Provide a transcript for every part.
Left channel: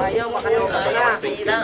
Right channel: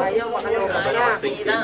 Ayaw, makaloka na. Sila.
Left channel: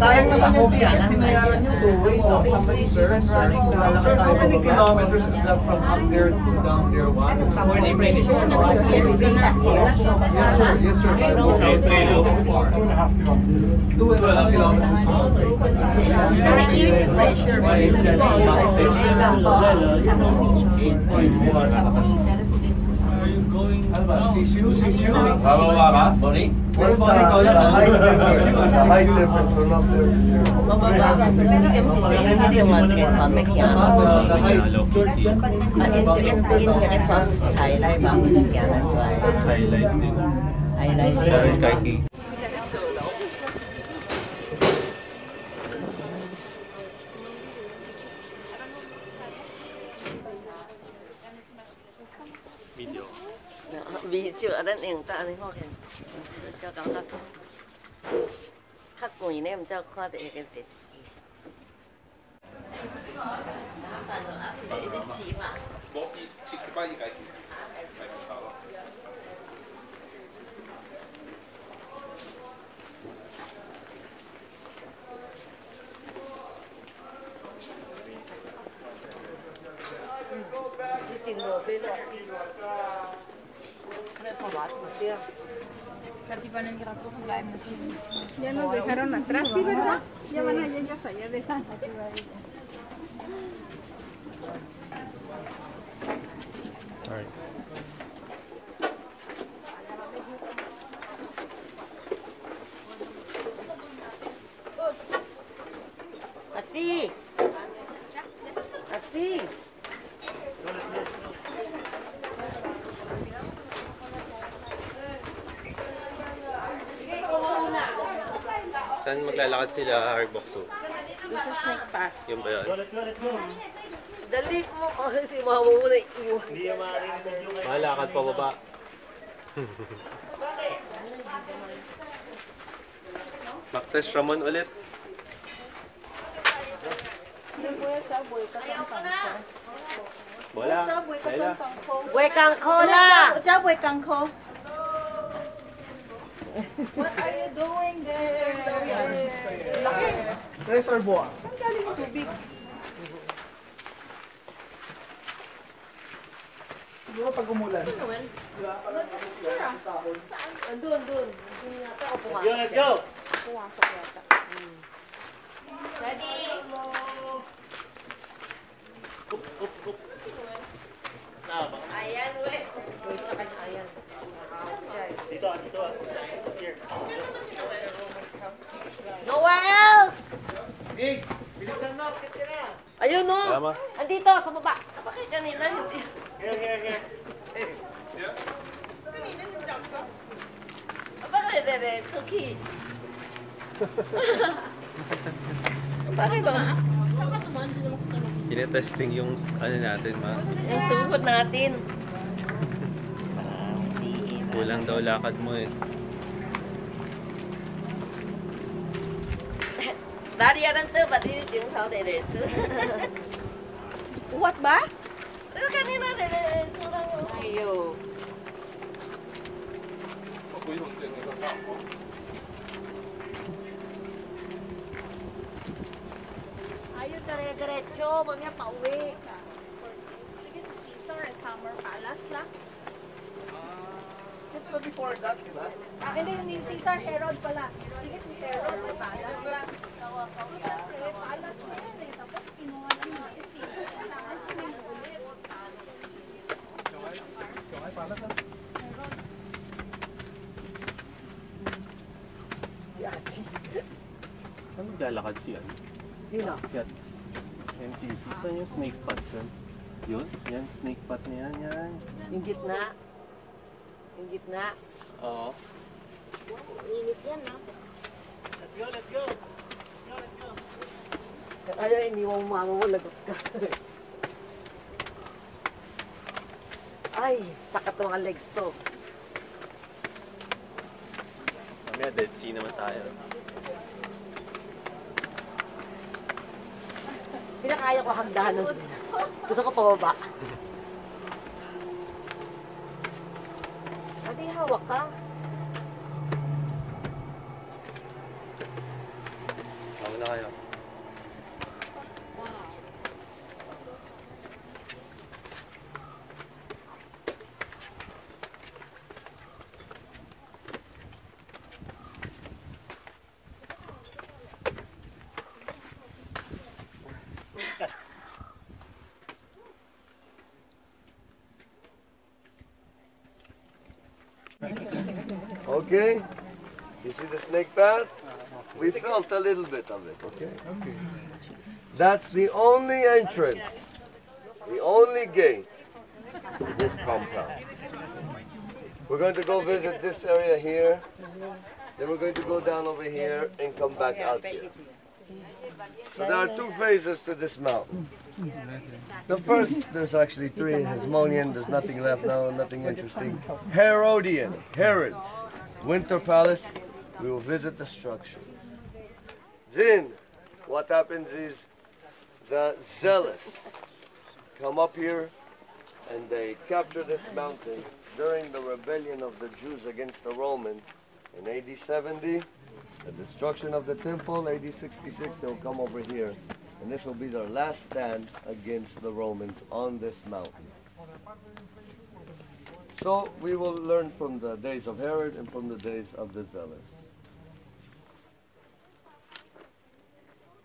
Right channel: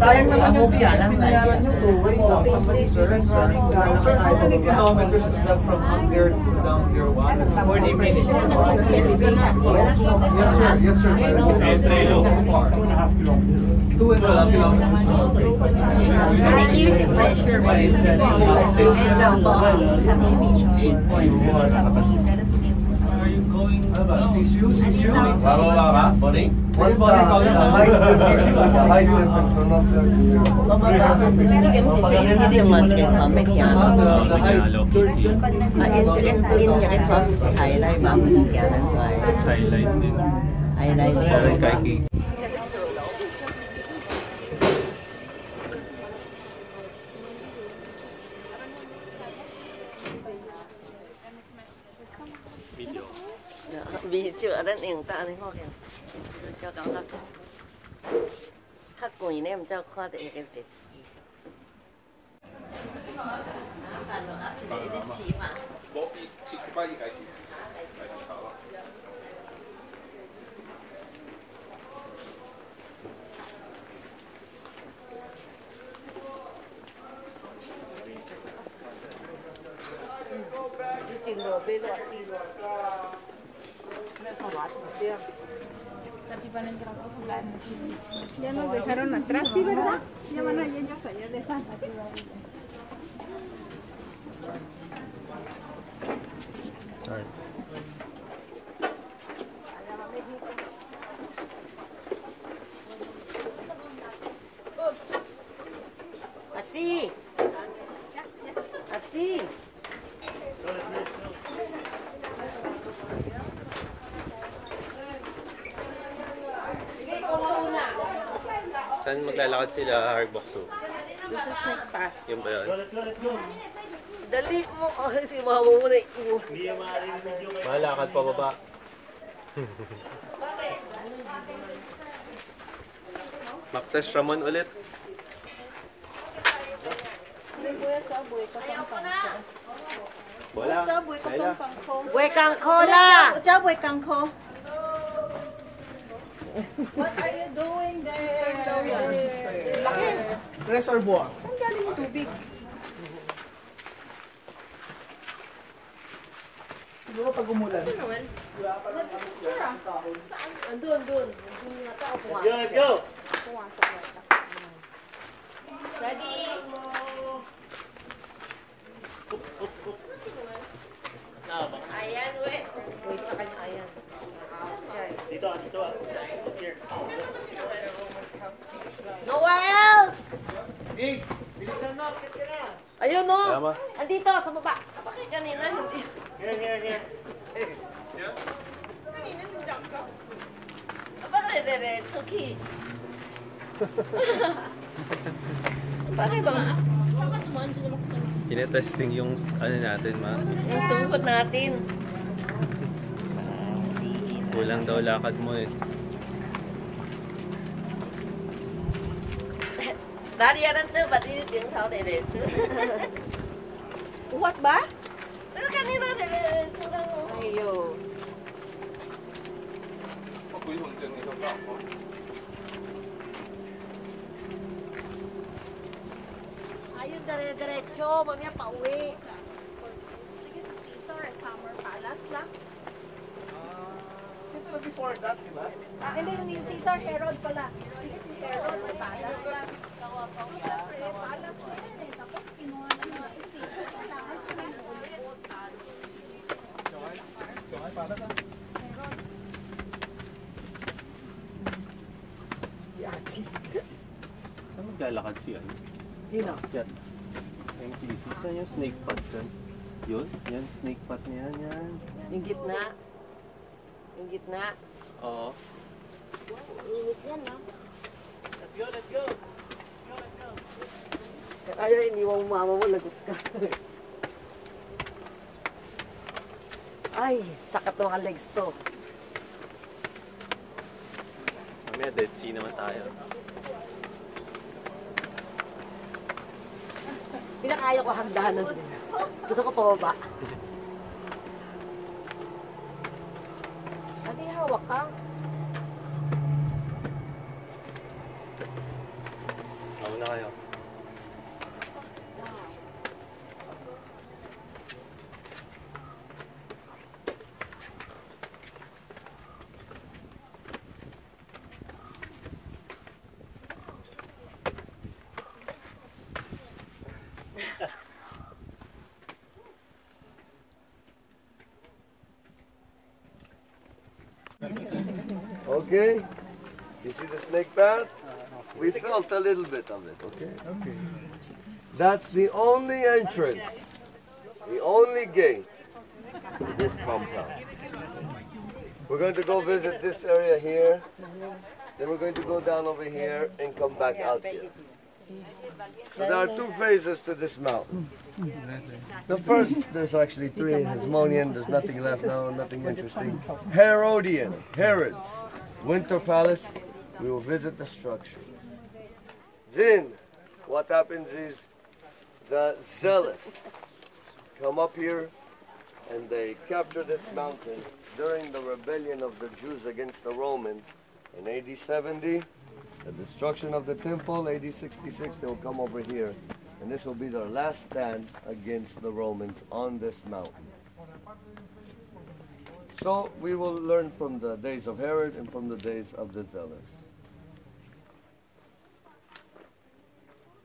Sayang naman yung biyanan na yan yung two-way. Sir, how many kilometers is that from up there to down here? Yes, sir. 2.5 kilometers. 2.5 kilometers. What about the height difference? The height difference or not there? Video ở đây hiện tại thì họ khen cho cảm giác khắc quỷ này em cho khoa để cái gì Ya nos dejaron atrás, ¿sí, verdad? Ya van a ellas allá dejar. Sorry. Ati! Ati! Saan maglalakad sila, Harbokso? This is snake path. Yung ba yun? Dali mo kasi mamumuna ito. Malakad pa baba. Backtash Ramon ulit. Wala. Laila. Buhay kang kola! Buhay kang ko. What are you doing there? Laki. Reservoir. Saan galing yung tubig? Siguro pag umulan. Andun. Let's go! Ready? Ayun no. Tama. Andito, sa baba. Bakit kanina hindi? Here. Bakit diretso, Ki? Bakit ba? Tinetesting yung ano natin, ma. Yung tuhod natin. Kulang daw lakad mo eh. Dariyanan to, ba't hindi yung tao diretso? Uwat ba? Pero kanina diretso lang. Ayo. Ayun, dire-diretso. Mamaya pauwi. Sige, sa Caesar, Summer Palace lang. Before that, diba? Hindi Caesar, Herod pala. Sige, si Herod, may Palace lang. Siyempre, Palace na yan eh. Tapos, kinuha lang natin si Saan maglalakad si ano? Sino? Yan. MTC. Saan yung snake pot dyan? Yun? Yan, snake pot na yan. Yan. Yung gitna. Yung gitna. Oo. Init yan, ha? Let's go. Kaya iniwang mama mo, lagot ka. Ay, sakit to mga legs to. Mamaya Dead Sea naman tayo. Pinakaya ko hagdanan. Gusto ko pababa. Ate, hawak ka. Ako na kayo. Okay, you see the snake path? We felt a little bit of it, okay? Okay. That's the only entrance, the only gate to this compound. We're going to go visit this area here, then we're going to go down over here and come back out here. So there are two phases to this mountain. The first, there's actually three. Hasmonean, there's nothing left now, nothing interesting. Herodian, Herod's winter palace. We will visit the structure. Then, what happens is the zealots come up here and they capture this mountain during the rebellion of the Jews against the Romans in AD 70. The destruction of the temple, AD 66, they'll come over here. And this will be their last stand against the Romans on this mountain. So we will learn from the days of Herod and from the days of the Zealots.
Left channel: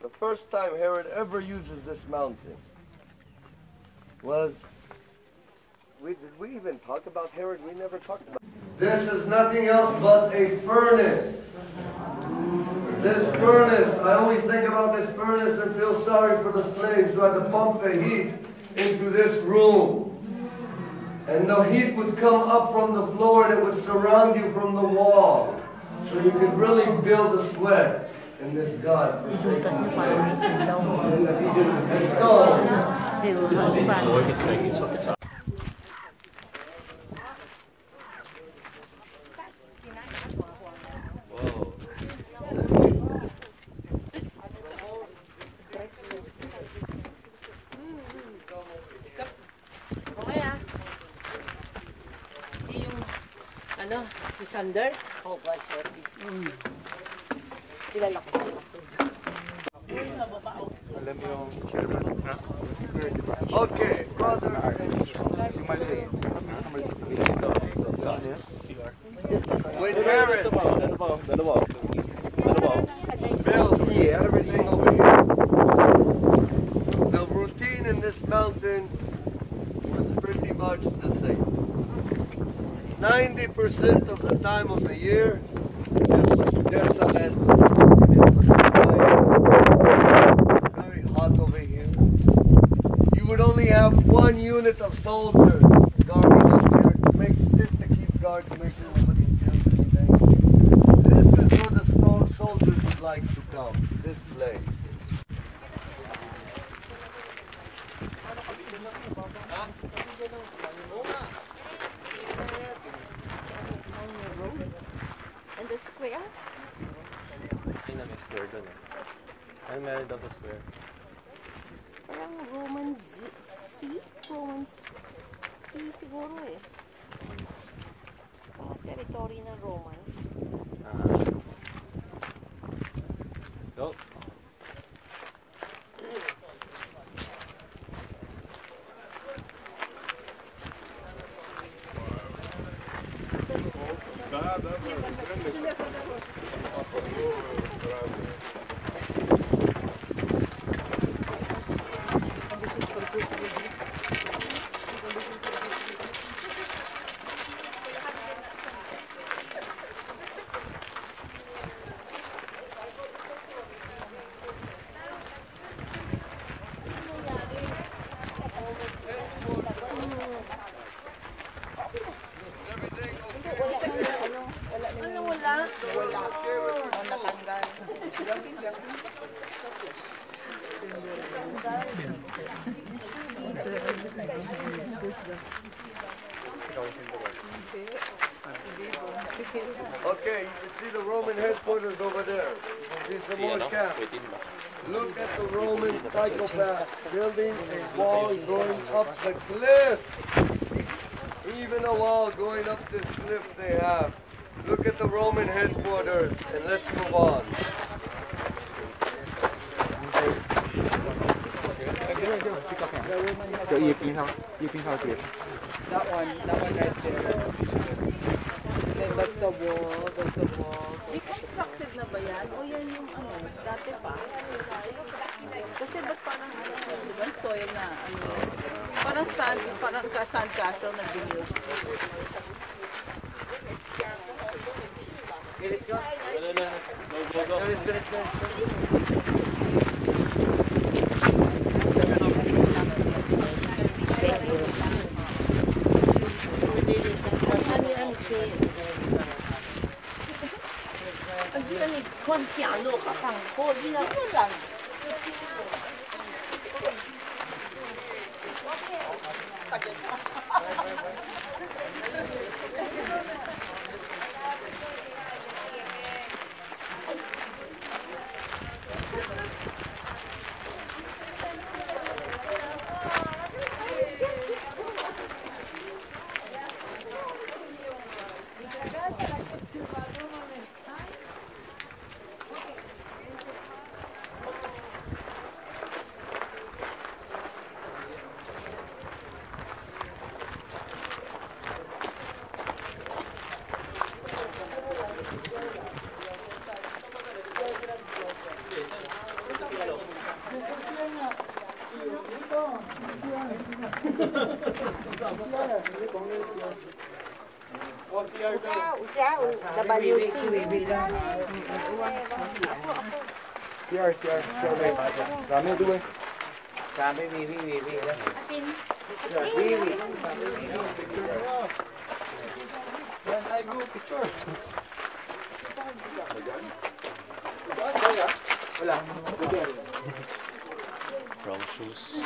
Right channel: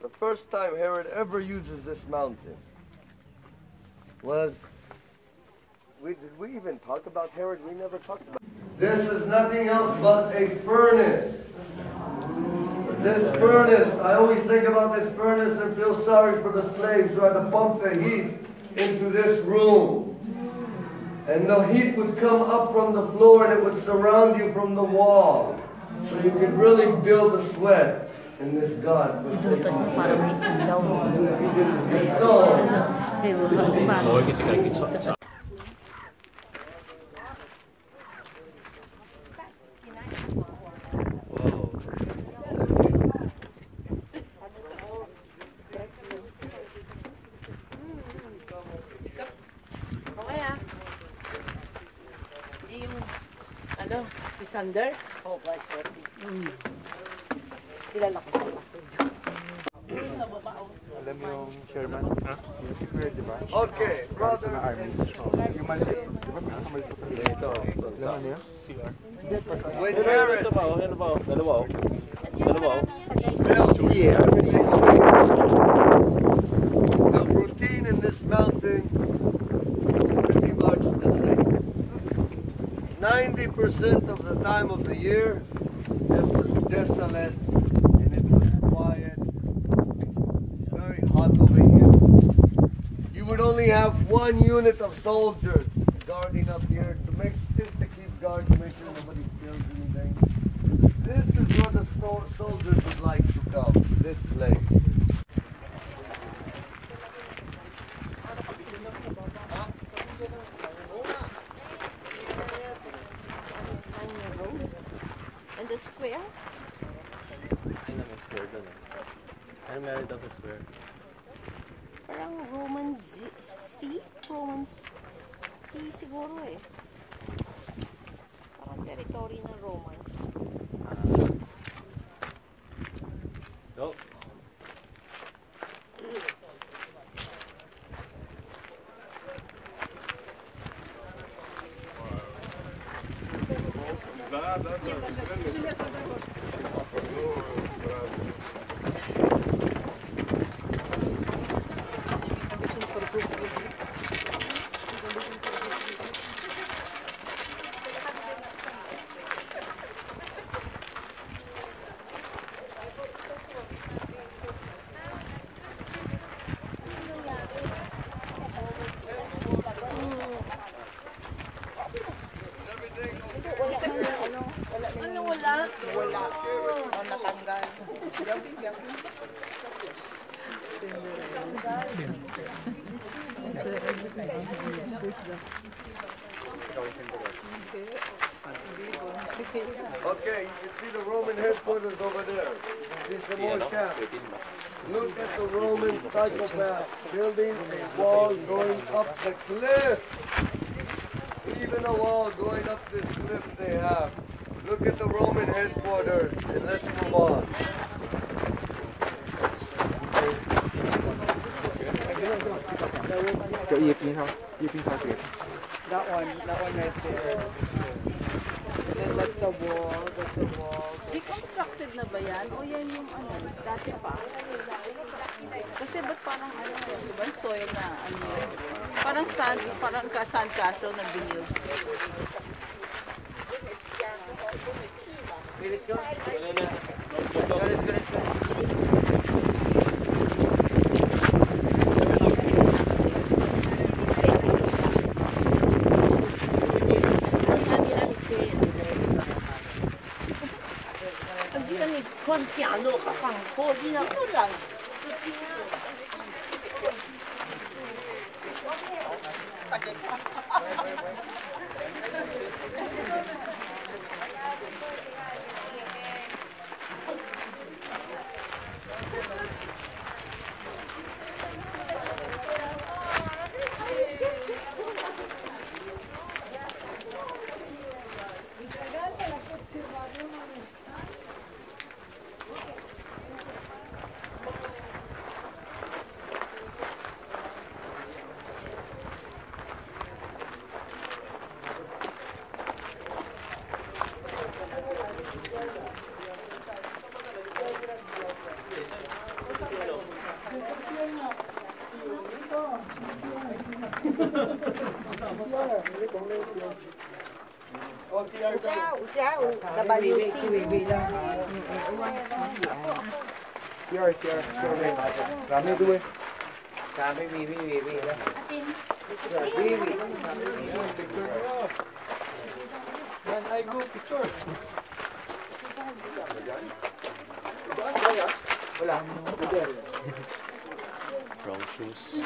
The first time Herod ever uses this mountain was, did we even talk about Herod? We never talked about it. This is nothing else but a furnace. This furnace, I always think about this furnace and feel sorry for the slaves who had to pump the heat into this room. And the heat would come up from the floor and it would surround you from the wall. So you could really build a sweat in this God-forsaken place. And if you did this song, Wow. Ano? Si Sander? Oo, oh, sure. Kilala ko pala. Alam mo yung chairman? Ha? okay, brothers and Ano yan? with Herod, Dalawa. the routine in this mountain was pretty much the same. 90% of the time of the year, it was desolate. It was quiet. It's very hot over here. would only have one unit of soldiers guarding up here to make just to keep guard to make sure nobody steals anything. This is where the soldiers would like to come. This place. And the square? Ay na, may square doon eh. Ano meron daw sa square? Parang Roman C? Roman C siguro eh. Parang territory ng Romans. Go. Okay, you can see the Roman headquarters over there. There's some more camp. Look at the Roman psychopath building a wall going up the cliff. Even a wall going up this cliff they have. Look at the Roman headquarters and let's move on. That one right there. And that's the wall, that's the wall. Reconstructed na ba yan? O yan yung ano, dati pa? Kasi ba't parang ano, diba, soil na ano, parang sand castle na binuild. Wrong shoes.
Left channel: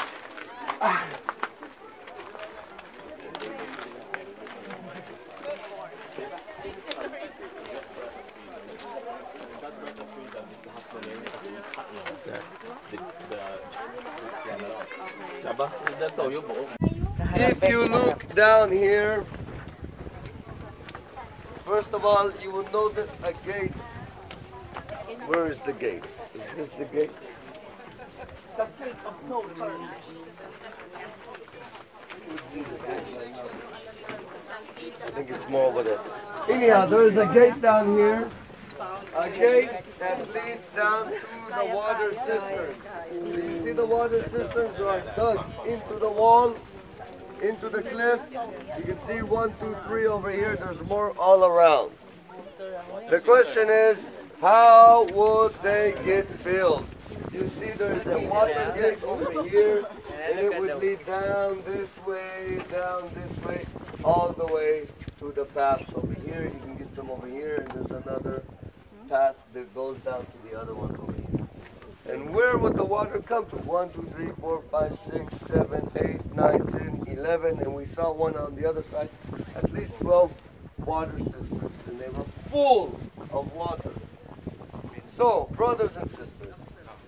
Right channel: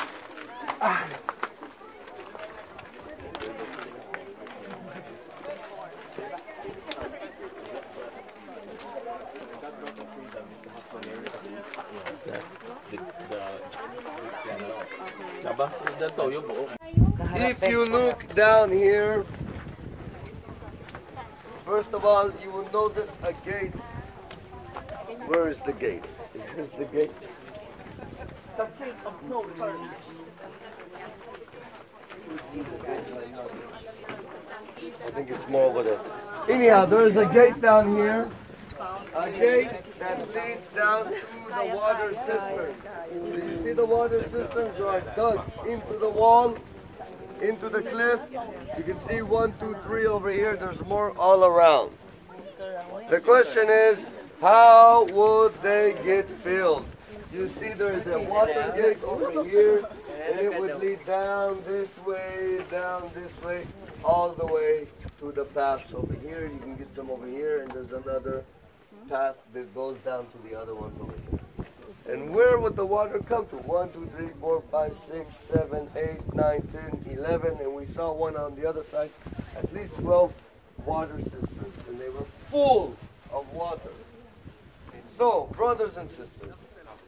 If you look down here, first of all, you will notice a gate. Where is the gate? Is this the gate? The fate of no turn. I think it's more over there. Anyhow, there is a gate down here. A gate that leads down to the water cistern. So you see the water cisterns are dug into the wall, into the cliff. You can see 1, 2, 3 over here. There's more all around. The question is, how would they get filled? You see there is a water gate over here, and it would lead paths over here. You can get some over here, and there's another path that goes down to the other ones over here. And where would the water come to? 1, 2, 3, 4, 5, 6, 7, 8, 9, 10, 11, and we saw one on the other side. At least 12 water systems, and they were full of water. So, brothers and sisters,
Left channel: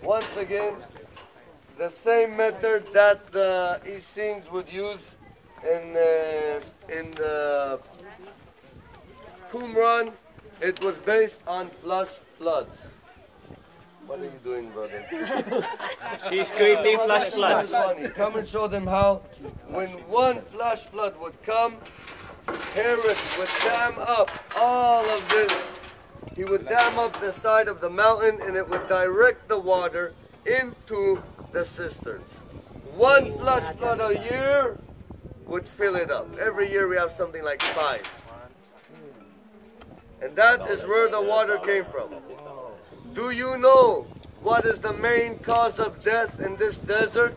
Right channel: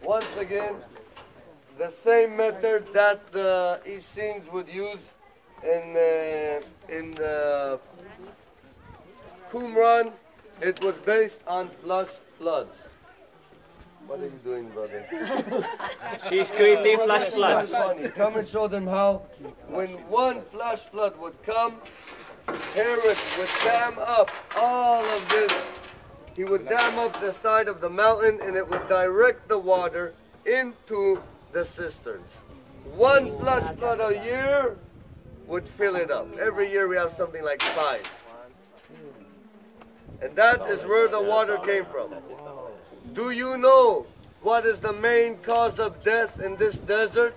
once again, the same method that the Essenes would use in Qumran, it was based on flash floods. What are you doing, brother? She's creating flash floods. Funny. Come and show them how, when one flash flood would come, Herod would dam up all of this. He would dam up the side of the mountain, and it would direct the water into the cisterns. One flash flood a year would fill it up. Every year we have something like 5. And that is where the water came from. Do you know what is the main cause of death in this desert?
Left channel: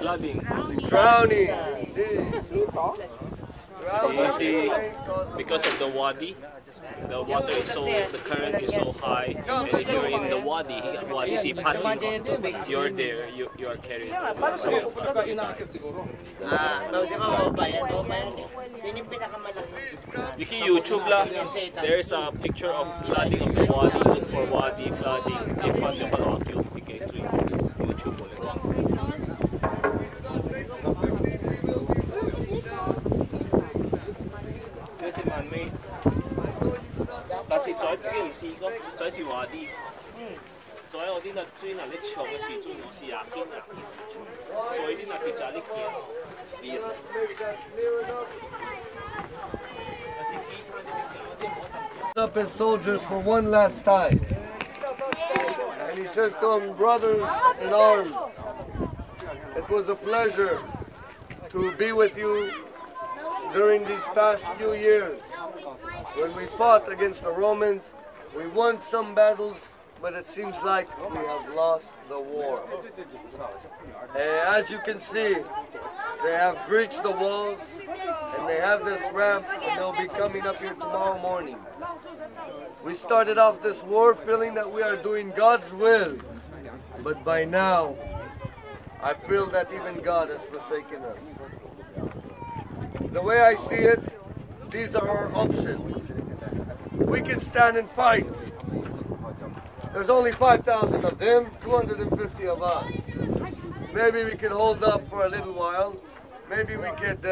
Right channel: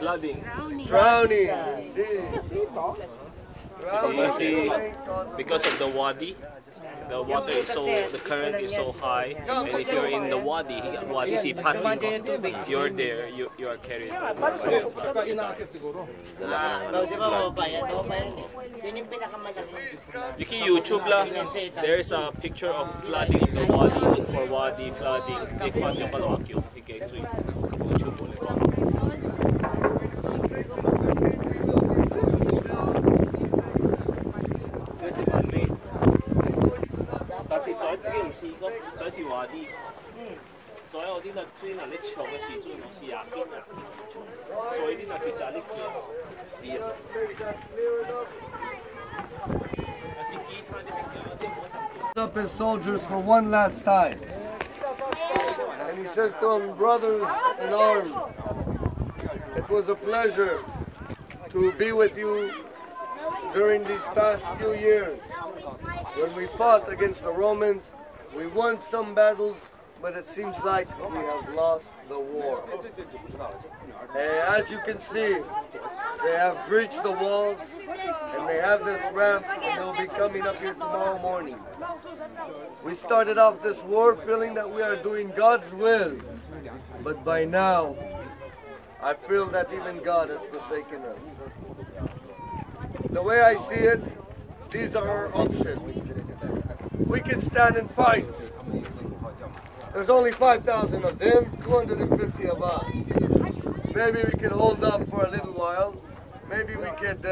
Flooding. Drowning. So you see, because of the wadi, the water is so, the current is so high, and if you're in the wadi is if you're there, you are carried. You can YouTube lang. There's a picture of flooding in the wadi. Look for wadi flooding. YouTube ulit.但是在自己試過，在是話啲，在我啲那專係啲長嘅時鐘，我試下邊啊，所以啲那佢就係啲見試啊。Up his soldiers for one last time. And he says to them, brothers in arms, it was a pleasure to be with you during these past few years. When we fought against the Romans, we won some battles, but it seems like we have lost the war. As you can see, they have breached the walls, and they have this ramp, and they'll be coming up here tomorrow morning. We started off this war feeling that we are doing God's will, but by now, I feel that even God has forsaken us. The way I see it, these are our options. We can stand and fight. There's only 5,000 of them, 250 of us. Maybe we could hold up for a little while. Maybe we could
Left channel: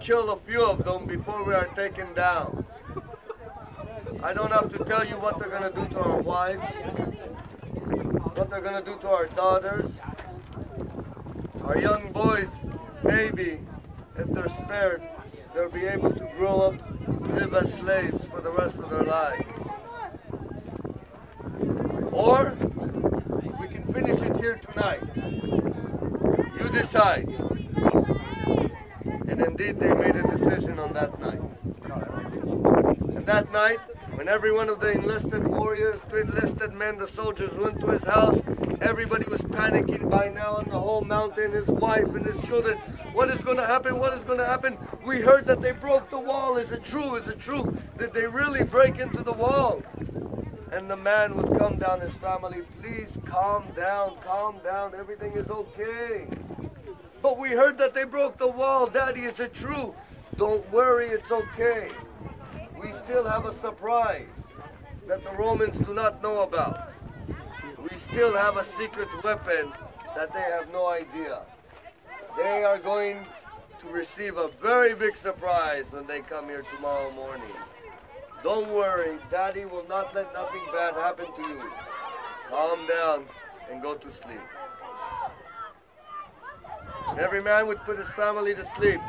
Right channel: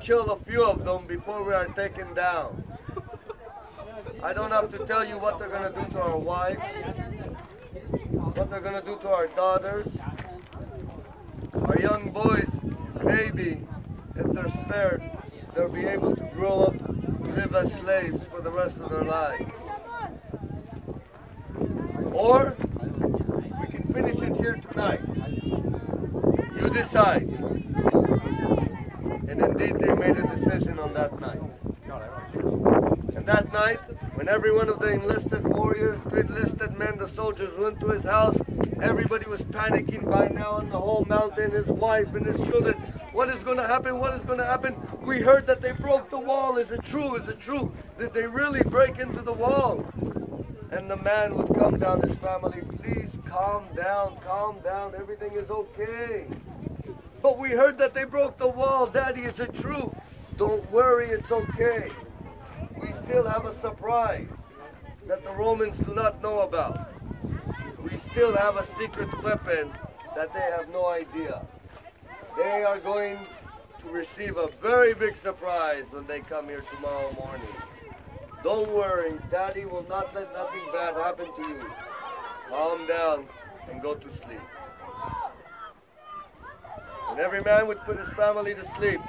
kill a few of them before we are taken down. I don't have to tell you what they're going to do to our wives, what they're going to do to our daughters, our young boys. Maybe, if they're spared, they'll be able to grow up, live as slaves for the rest of their lives. Or, we can finish it here tonight. You decide. And indeed, they made a decision on that night. And that night, when every one of the enlisted warriors, the enlisted men, the soldiers went to his house, everybody was panicking by now on the whole mountain, his wife and his children. What is going to happen? What is going to happen? We heard that they broke the wall. Is it true? Is it true? Did they really break into the wall? And the man would come down, his family, please calm down, everything is okay. But we heard that they broke the wall. Daddy, is it true? Don't worry, it's okay. We still have a surprise that the Romans do not know about. We still have a secret weapon that they have no idea. They are going to receive a very big surprise when they come here tomorrow morning. Don't worry, Daddy will not let nothing bad happen to you. Calm down and go to sleep. And every man would put his family to sleep.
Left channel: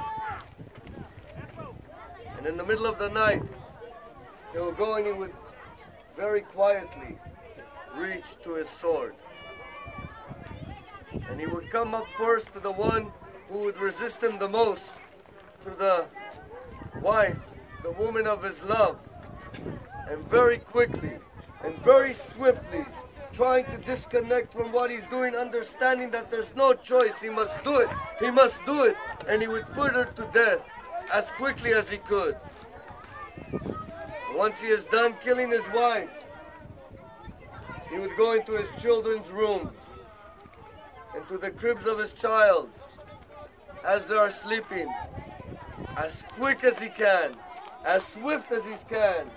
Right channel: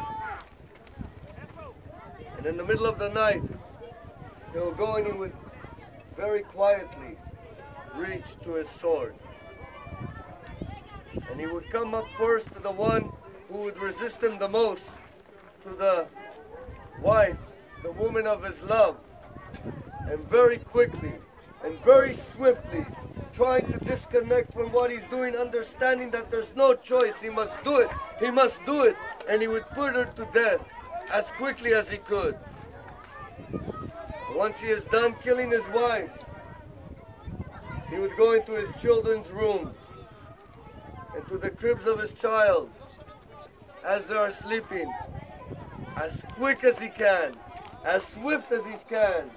And in the middle of the night, he will go and he would very quietly reach to his sword. And he would come up first to the one who would resist him the most, to the wife, the woman of his love. And very quickly and very swiftly, trying to disconnect from what he's doing, understanding that there's no choice, he must do it, and he would put her to death as quickly as he could. And once he is done killing his wife, he would go into his children's room, into the cribs of his child, as they are sleeping, as quick as he can, as swift as he can.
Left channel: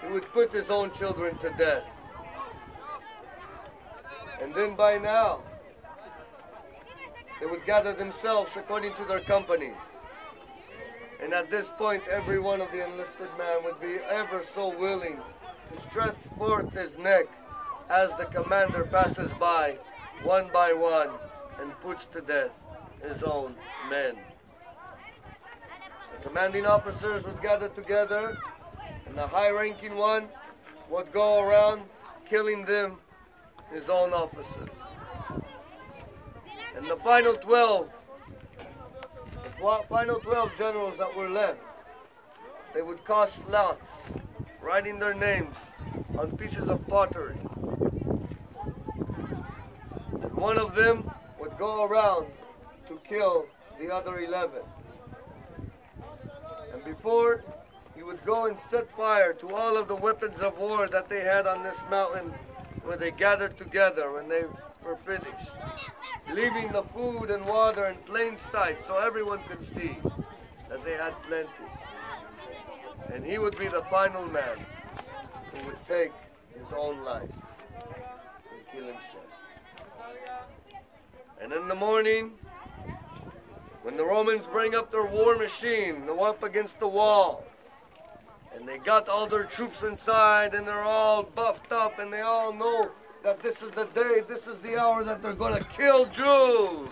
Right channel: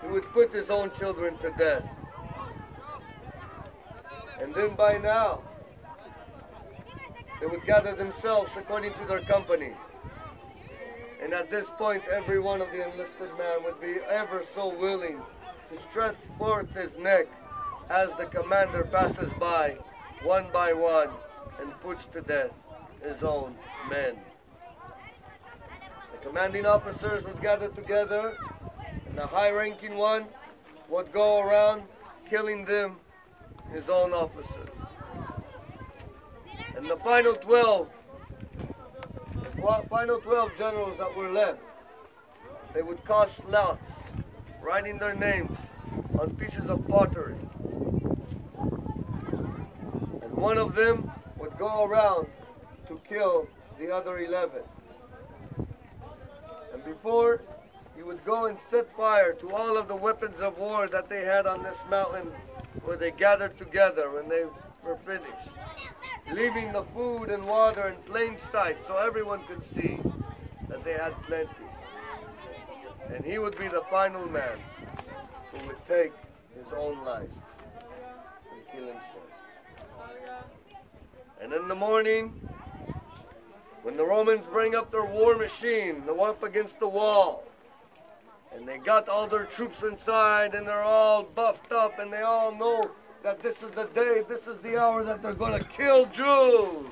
He would put his own children to death. And then by now, they would gather themselves according to their companies. And at this point, every one of the enlisted men would be ever so willing to stretch forth his neck as the commander passes by, one by one, and puts to death his own men. The commanding officers would gather together, and the high-ranking one would go around killing them, his own officers. And the final 12 generals that were left, they would cast lots, writing their names on pieces of pottery. And one of them would go around to kill the other 11. And before he would go and set fire to all of the weapons of war that they had on this mountain where they gathered together when they were finished, leaving the food and water in plain sight so everyone could see that they had plenty. And he would be the final man who would take his own life and kill himself. And in the morning, when the Romans bring up their war machine, they're up against the wall, and they got all their troops inside, and they're all buffed up, and they all know that this is the day, this is the hour that they're going to kill Jews.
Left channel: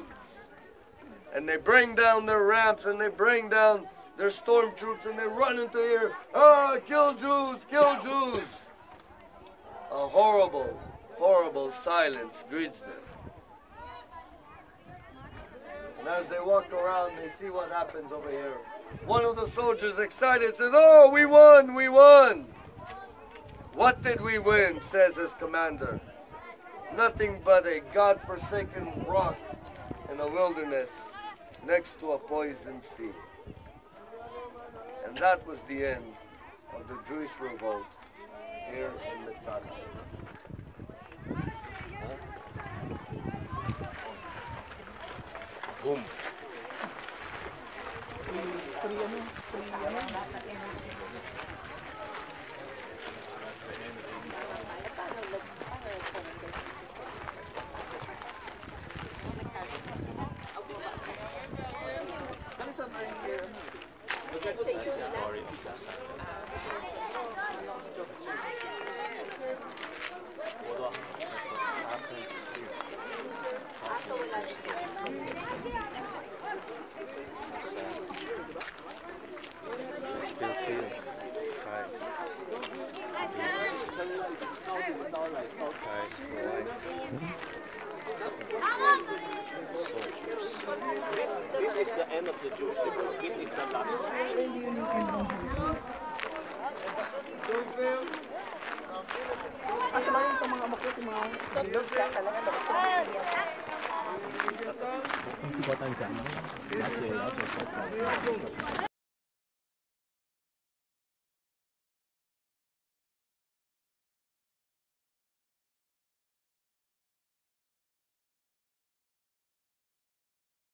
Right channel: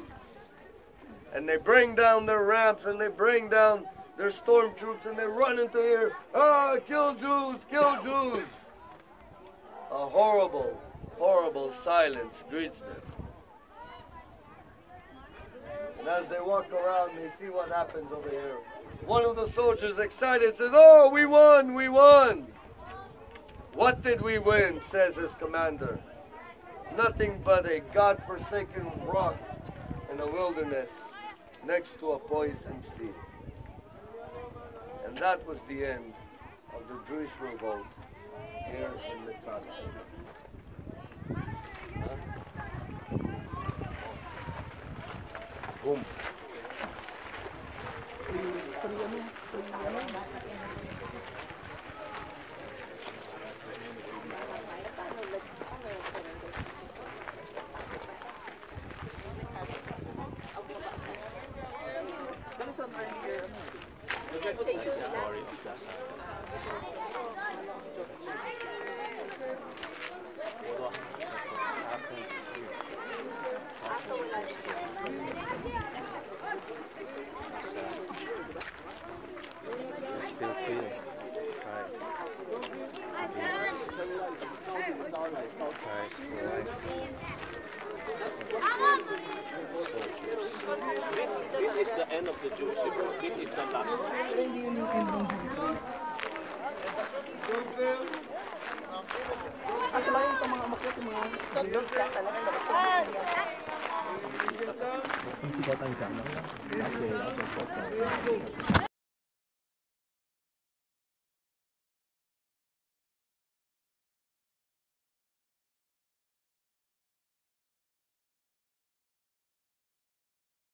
And they bring down their ramps, and they bring down their stormtroops, and they run into here, ah, kill Jews, kill Jews. A horrible, horrible silence greets them. And as they walk around, they see what happens over here. One of the soldiers, excited, says, "Oh, we won, we won." "What did we win?" says his commander. "Nothing but a God-forsaken rock in a wilderness next to a poison sea." And that was the end of the Jewish revolt here in Masada. Boom. That's the story of Masada. I still feel Christ. Christ for life. Soldiers. This is the end of the Jewish revolt. This is the last. Kung sikotan dyan, no?